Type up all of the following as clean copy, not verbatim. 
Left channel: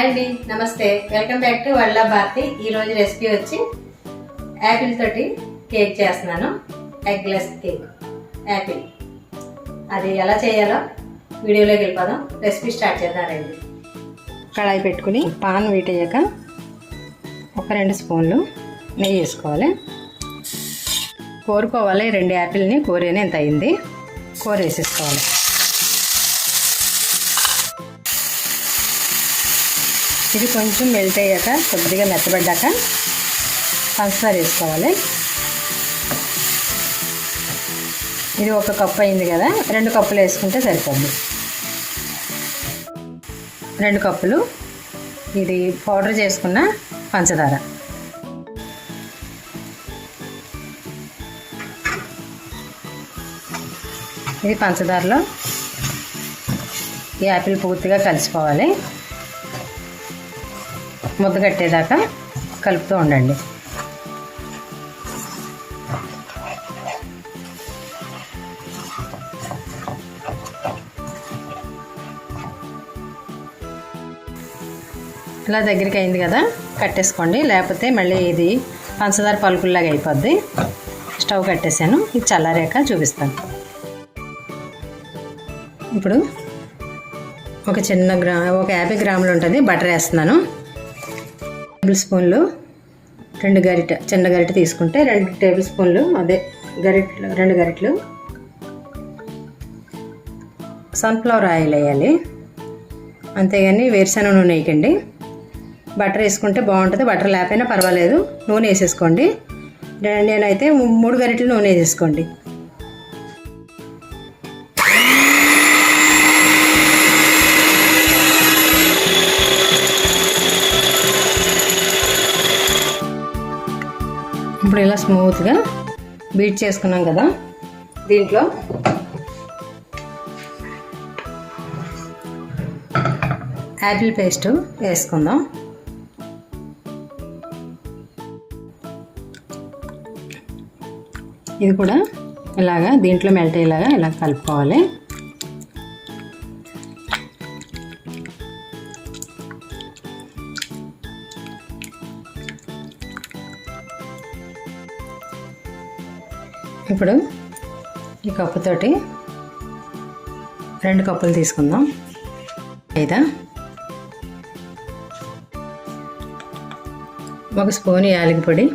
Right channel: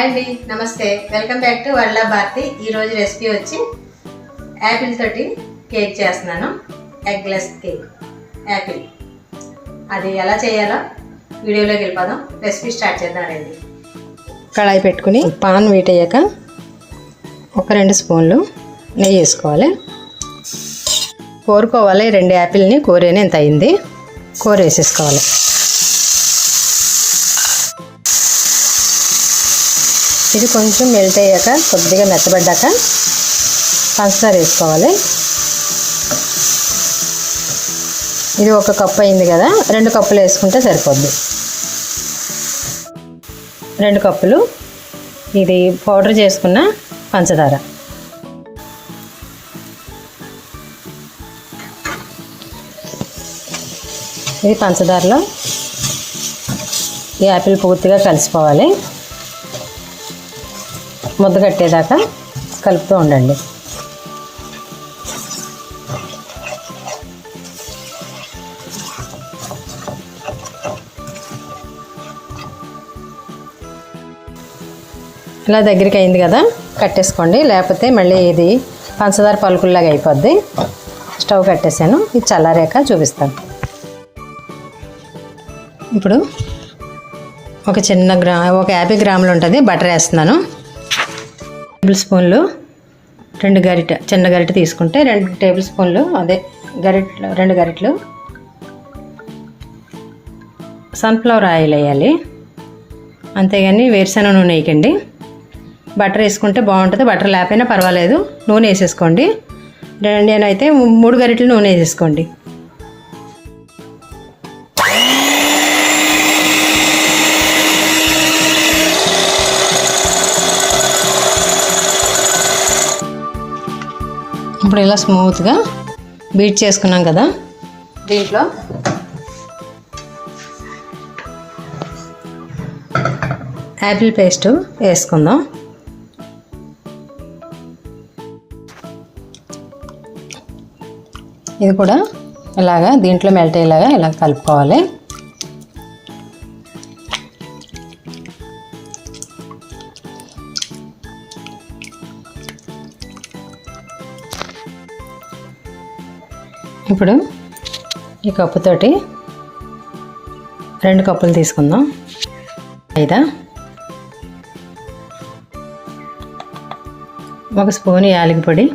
Hi అండి, నమస్తే. Welcome back to world of Bharathi. ఈరోజు రెసిపీ వచ్చి యాపిల్ తోటి కేక్ చేస్తున్నాను. Eggless cake apple. అది ఎలా చేయాలో వీడియోలోకి వెళ్ళిపోదాం. రెసిపీ స్టార్ట్ చేద్దాం రండి. కడాయి పెట్టుకుని పాన్ వీట్ అయ్యాక ఒక 2 స్పూన్లు నెయ్యి వేసుకోవాలి. కోరుకోవాలి. 2 యాపిల్ని కోరేనే ఎంత అయింది, కూర వేసేసుకోవాలి. ఇది కొంచెం మెల్ట్ అయ్యాక కొద్దిగా మెత్తబడ్డాక పంచదార వేసుకోవాలి. ఇది 1 కప్పు అయింది కదా, 2 కప్పులు వేసుకుంటే సరిపోద్ది. 2 కప్పులు ఇది పౌడర్ చేసుకున్న పంచదార. ఇది పంచదారలో ఈ యాపిల్ పూర్తిగా కలిసిపోవాలి. ముద్ద కట్టేదాకా కలుపుతూ ఉండండి. ఇలా దగ్గరికి అయింది కదా, కట్టేసుకోండి. లేకపోతే మళ్ళీ ఇది పంచదార పలుకుల్లాగా అయిపోద్ది. స్టవ్ కట్టేసాను. ఇది చల్లారాక చూపిస్తాను. ఇప్పుడు ఒక 50 గ్రాములు ఉంటుంది బటర్ వేస్తున్నాను. టేబుల్ స్పూన్లు 2 గరిటె, చిన్న గరిటె తీసుకుంటే 2 టేబుల్ స్పూన్లు, అదే గరిటెలు 2 గరిటెలు సన్ఫ్లవర్ ఆయిల్ వేయాలి. అంతేగాని వేరుశనగ నూనె వేయకండి. బటర్ వేసుకుంటే బాగుంటుంది. బటర్ లేకపోయినా పర్వాలేదు, నూనె వేసేసుకోండి. నేనైతే 3 గరిటెలు నూనె వేసేసుకోండి. ఇప్పుడు ఇలా స్మూత్గా బీట్ చేసుకున్నాం కదా, దీంట్లో యాపిల్ పేస్ట్ వేసుకుందాం. ఇది కూడా ఇలాగా దీంట్లో మెల్ట్ అయ్యేలాగా ఇలా కలుపుకోవాలి. ఇప్పుడు ఈ కప్పుతోటి 2 కప్పులు తీసుకుందాం. మైదా, 1 స్పూన్ యాలకి పొడి,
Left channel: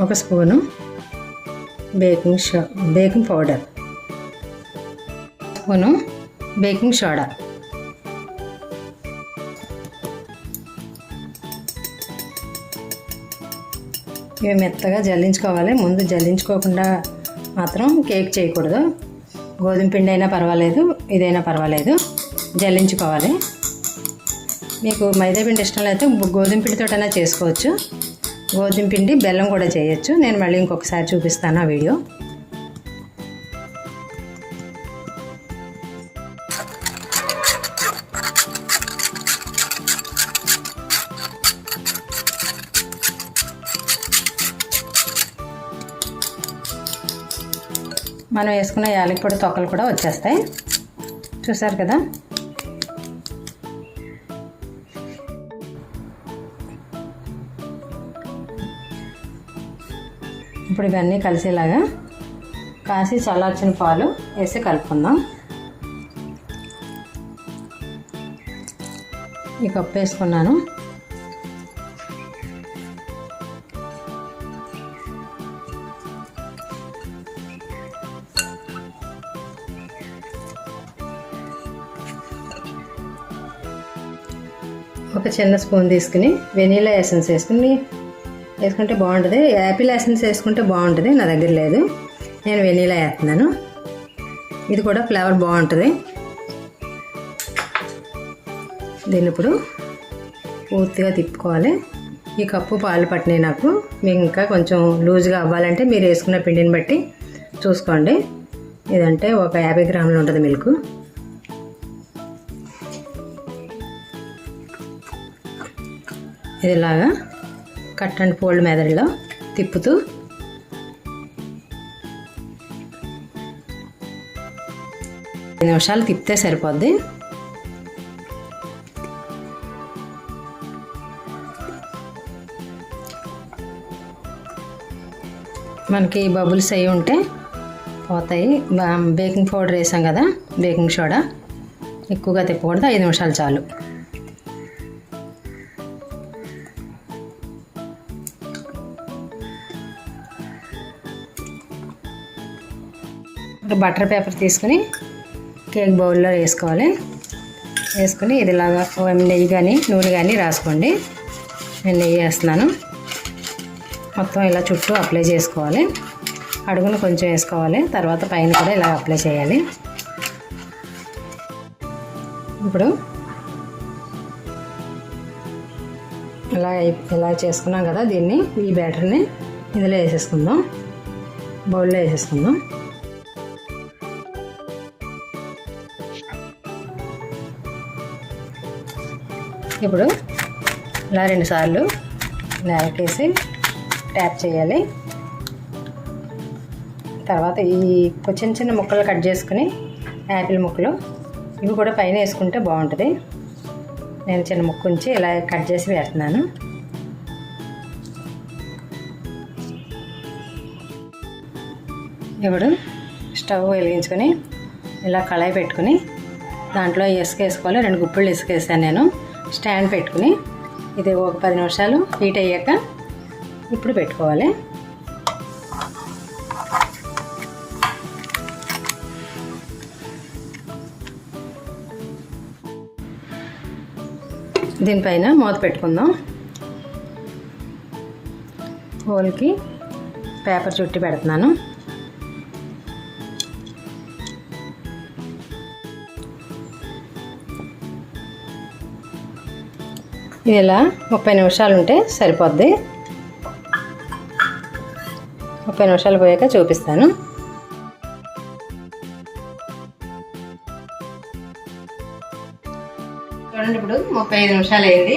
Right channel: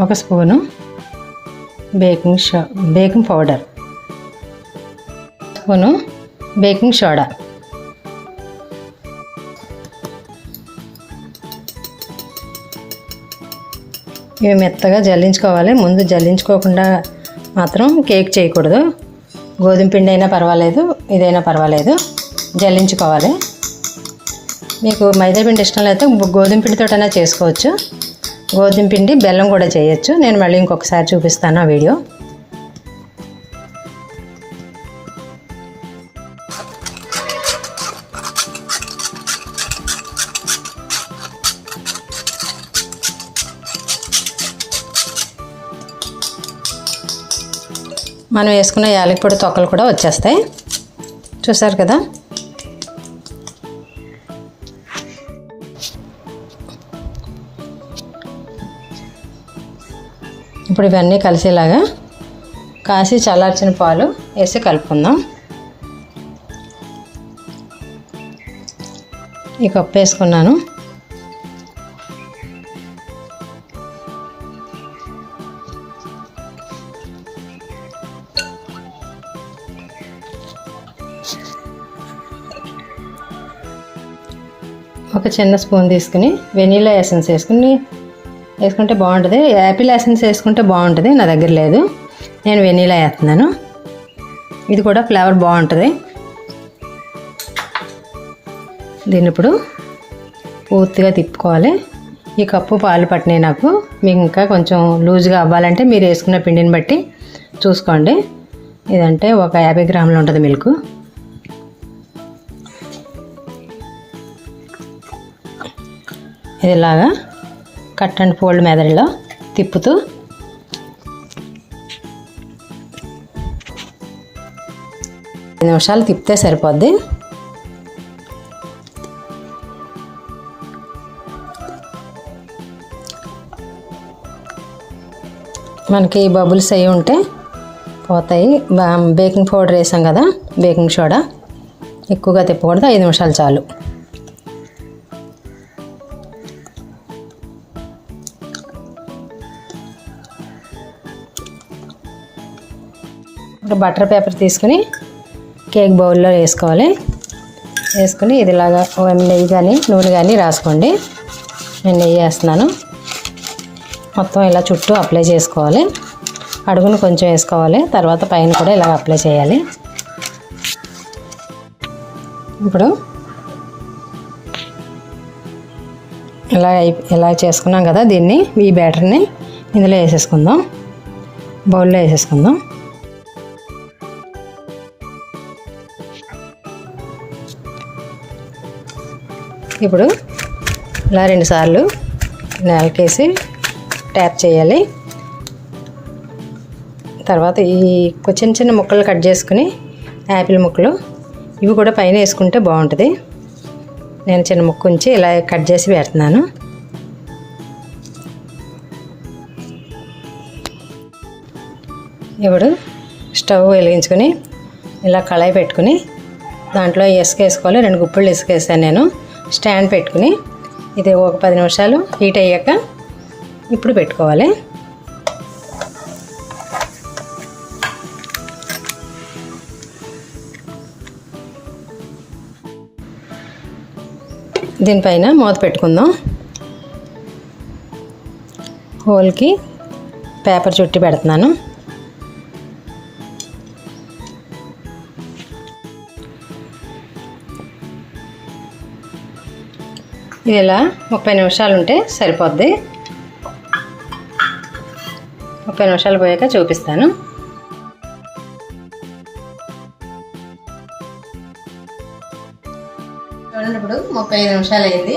1 spoon baking powder, 1 spoon baking soda, ఇవి మెత్తగా జల్లించుకోవాలి. ముందు జల్లించుకోకుండా మాత్రం కేక్ చేయకూడదు. గోధుమ పిండి అయినా పర్వాలేదు, ఇదైనా పర్వాలేదు, జల్లించుకోవాలి. మీకు మైదా పిండి ఇష్టం లేకపోతే గోధుమ పిండితోటైనా చేసుకోవచ్చు. గోధుమ పిండి బెల్లం కూడా చేయొచ్చు. నేను మళ్ళీ ఇంకొకసారి చూపిస్తాను ఆ వీడియో. మనం వేసుకున్న యాలకి పొడి తొక్కలు కూడా వచ్చేస్తాయి. చూసారు కదా. ఇప్పుడు ఇవన్నీ కలిసేలాగా కాసి చల్లార్చిన పాలు వేసి కలుపుకుందాం. ఈ కప్పు వేసుకున్నాను. ఒక చిన్న స్పూన్ తీసుకుని వెనీలా ఎసెన్స్ వేసుకుంటే బాగుంటుంది. యాపిల్ ఎసెన్స్ వేసుకుంటే బాగుంటుంది. నా దగ్గర లేదు, నేను వెనీలా వేస్తున్నాను. ఇది కూడా ఫ్లేవర్ బాగుంటుంది. దీన్ని ఇప్పుడు పూర్తిగా తిప్పుకోవాలి. ఈ కప్పు పాలు పట్టినాయి నాకు. మీకు ఇంకా కొంచెం లూజ్గా అవ్వాలంటే మీరు వేసుకున్న పిండిని బట్టి చూసుకోండి. ఇదంటే ఒక 50 గ్రాములు ఉంటుంది మిల్క్. ఇలాగా కట్ అండ్ ఫోల్డ్ మెథడ్లో తిప్పుతూ 5 నిమిషాలు తిప్పితే సరిపోద్ది. మనకి బబుల్స్ అయి ఉంటే పోతాయి. బేకింగ్ పౌడర్ వేసాం కదా, బేకింగ్ సోడా ఎక్కువగా తిప్పకూడదు, 5 నిమిషాలు చాలు. బటర్ పేపర్ తీసుకుని కేక్ బౌల్లో వేసుకోవాలి. వేసుకుని ఇదిలాగా నెయ్యి కానీ నూనె కానీ రాసుకోండి. నేను నెయ్యి వేస్తున్నాను. మొత్తం ఇలా చుట్టూ అప్లై చేసుకోవాలి. అడుగును కొంచెం వేసుకోవాలి, తర్వాత పైన కూడా ఇలా అప్లై చేయాలి. ఇప్పుడు ఇలా చేసుకున్నాం కదా, దీన్ని ఈ బ్యాటర్ని ఇందులో వేసేసుకుందాం, బౌల్లో వేసేసుకుందాం. ఇప్పుడు ఇలా 2 సార్లు నేలకేసి ట్యాప్ చేయాలి. తర్వాత ఈ చిన్న చిన్న ముక్కలు కట్ చేసుకుని యాపిల్ ముక్కలు ఇవి కూడా పైన వేసుకుంటే బాగుంటుంది. నేను చిన్న ముక్క ఉంచి ఇలా కట్ చేసి పెడుతున్నాను. ఇప్పుడు స్టవ్ వెలిగించుకొని ఇలా కళాయి పెట్టుకుని దాంట్లో ఇసుక వేసుకోవాలి. 2 గుప్పిళ్ళు ఇసుక వేసాను నేను. స్టాండ్ పెట్టుకుని ఇది ఒక 10 నిమిషాలు హీట్ అయ్యాక ఇప్పుడు పెట్టుకోవాలి. దీనిపైన మూత పెట్టుకుందాం. హోల్కి పేపర్ చుట్టి పెడుతున్నాను. ఇది ఇలా 30 నిమిషాలు ఉంటే సరిపోద్ది. 30 నిమిషాలు పోయాక చూపిస్తాను. చూడండి, ఇప్పుడు 35 నిమిషాలు అయింది.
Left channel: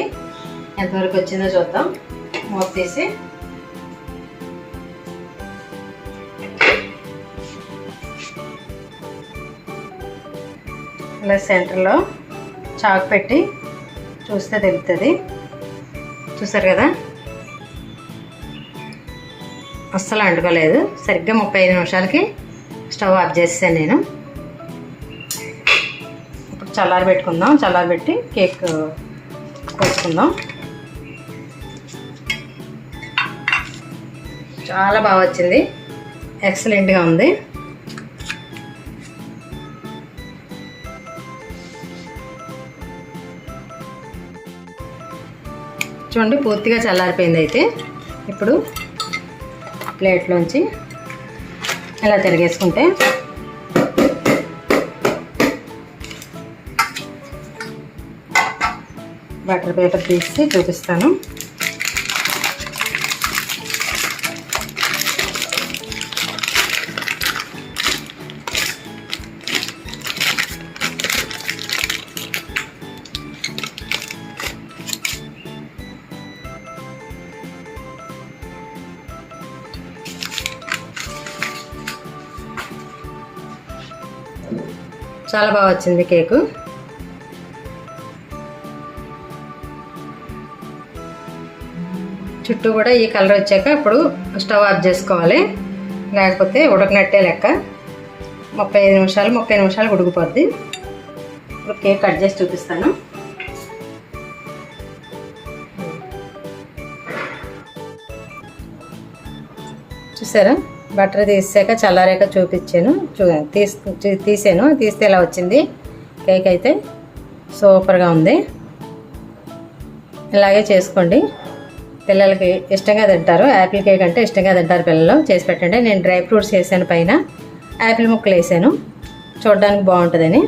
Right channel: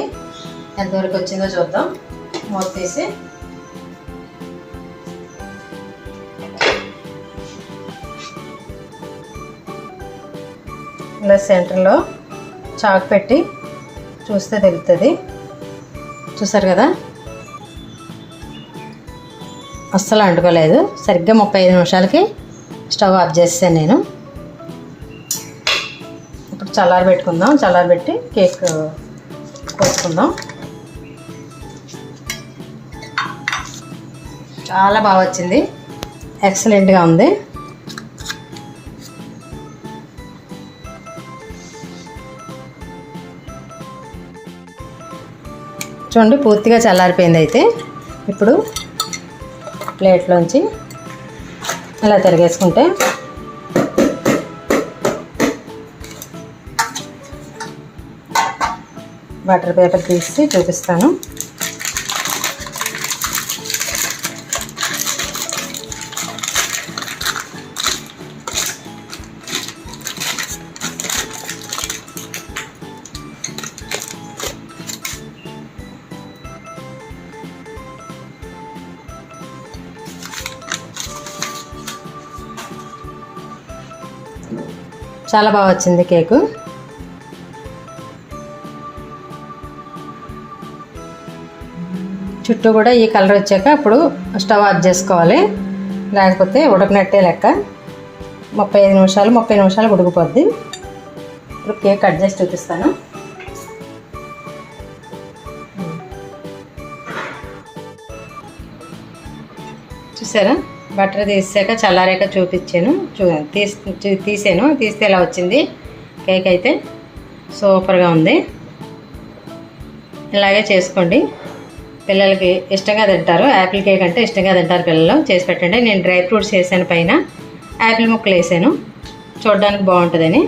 ఎంతవరకు వచ్చిందో చూద్దాం. మూత తీసి ఇలా సెంటర్లో చాకు పెట్టి చూస్తే తెలుస్తుంది. చూసారు కదా, అస్సలు అంటుకోలేదు. సరిగ్గా 35 నిమిషాలకి స్టవ్ ఆఫ్ చేసాను నేను. ఇప్పుడు చల్లారబెట్టుకుందాం. చల్లారబెట్టి కేక్ వేసుకుందాం. చాలా బాగా వచ్చింది, ఎక్సలెంట్గా ఉంది. చూడండి, పూర్తిగా చల్లారిపోయింది. అయితే ఇప్పుడు ప్లేట్లోంచి ఇలా తిరిగేసుకుంటే బటర్ పేపర్ తీసి చూపిస్తాను. చాలా బాగా వచ్చింది కేకు. చుట్టూ కూడా ఈ కలర్ వచ్చాక అప్పుడు స్టవ్ ఆఫ్ చేసుకోవాలి, లేకపోతే ఉడకనట్టే లెక్క. 30 నిమిషాలు ఉడికిపోద్ది. ఇప్పుడు కేక్ కట్ చేసి చూపిస్తాను. చూసారా, బటర్ తీసాక చల్లారాక చూపించాను. తీసాను, తీస్తే ఇలా వచ్చింది. కేక్ అయితే సూపర్గా ఉంది. ఇలాగే చేసుకోండి, పిల్లలకి ఇష్టంగా తింటారు. యాపిల్ కేక్ అంటే ఇష్టంగా తింటారు పిల్లలు. చేసి పెట్టండి. నేను డ్రై ఫ్రూట్స్ వేసాను, పైన యాపిల్ ముక్కలు వేసాను, చూడడానికి బాగుంటుందని.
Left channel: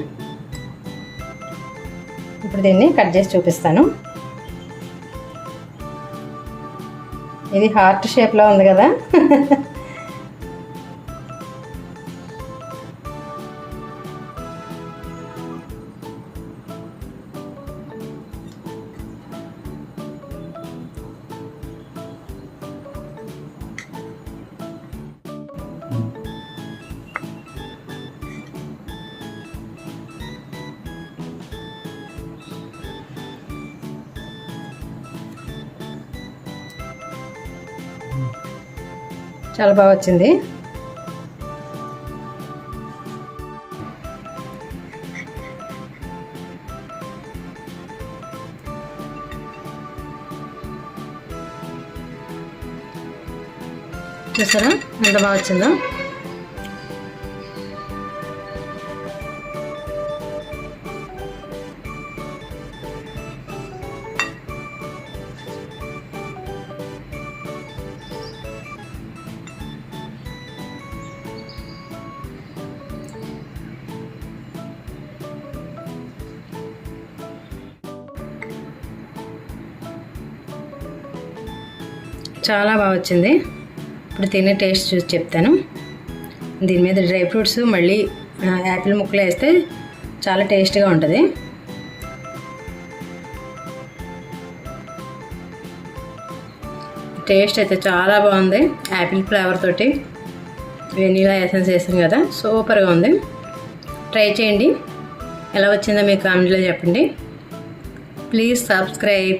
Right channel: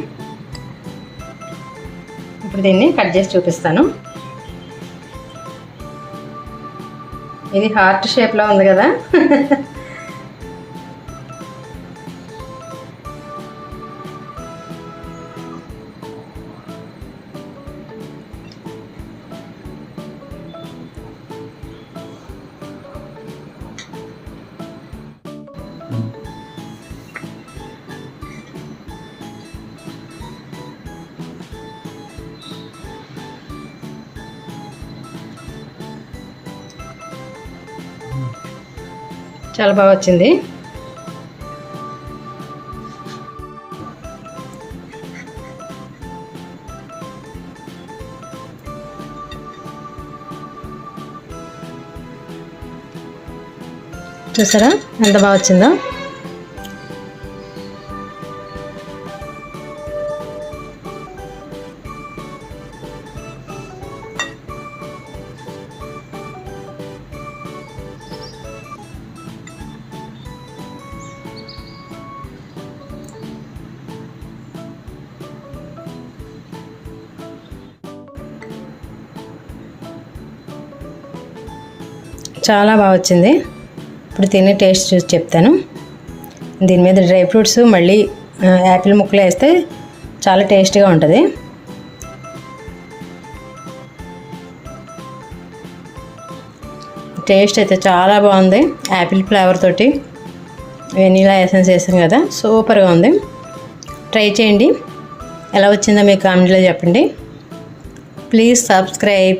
ఇప్పుడు దీన్ని కట్ చేసి చూపిస్తాను. ఇది హార్ట్ షేప్లో ఉంది కదా. చాలా బాగా వచ్చింది. చూసారా ఎంత బాగా వచ్చిందో. చాలా బాగా వచ్చింది. ఇప్పుడు తినే టేస్ట్ చూసి చెప్తాను. దీని మీద డ్రై ఫ్రూట్స్ మళ్ళీ యాపిల్ ముక్కలు వేస్తే చాలా టేస్ట్గా ఉంటుంది. టేస్ట్ అయితే చాలా బాగుంది. యాపిల్ ఫ్లేవర్ తోటి వెనీలా ఎసెన్స్ వేసాం కదా, సూపర్గా ఉంది. ట్రై చేయండి. ఎలా వచ్చిందో మీకు కామెంట్లో చెప్పండి. Please subscribe.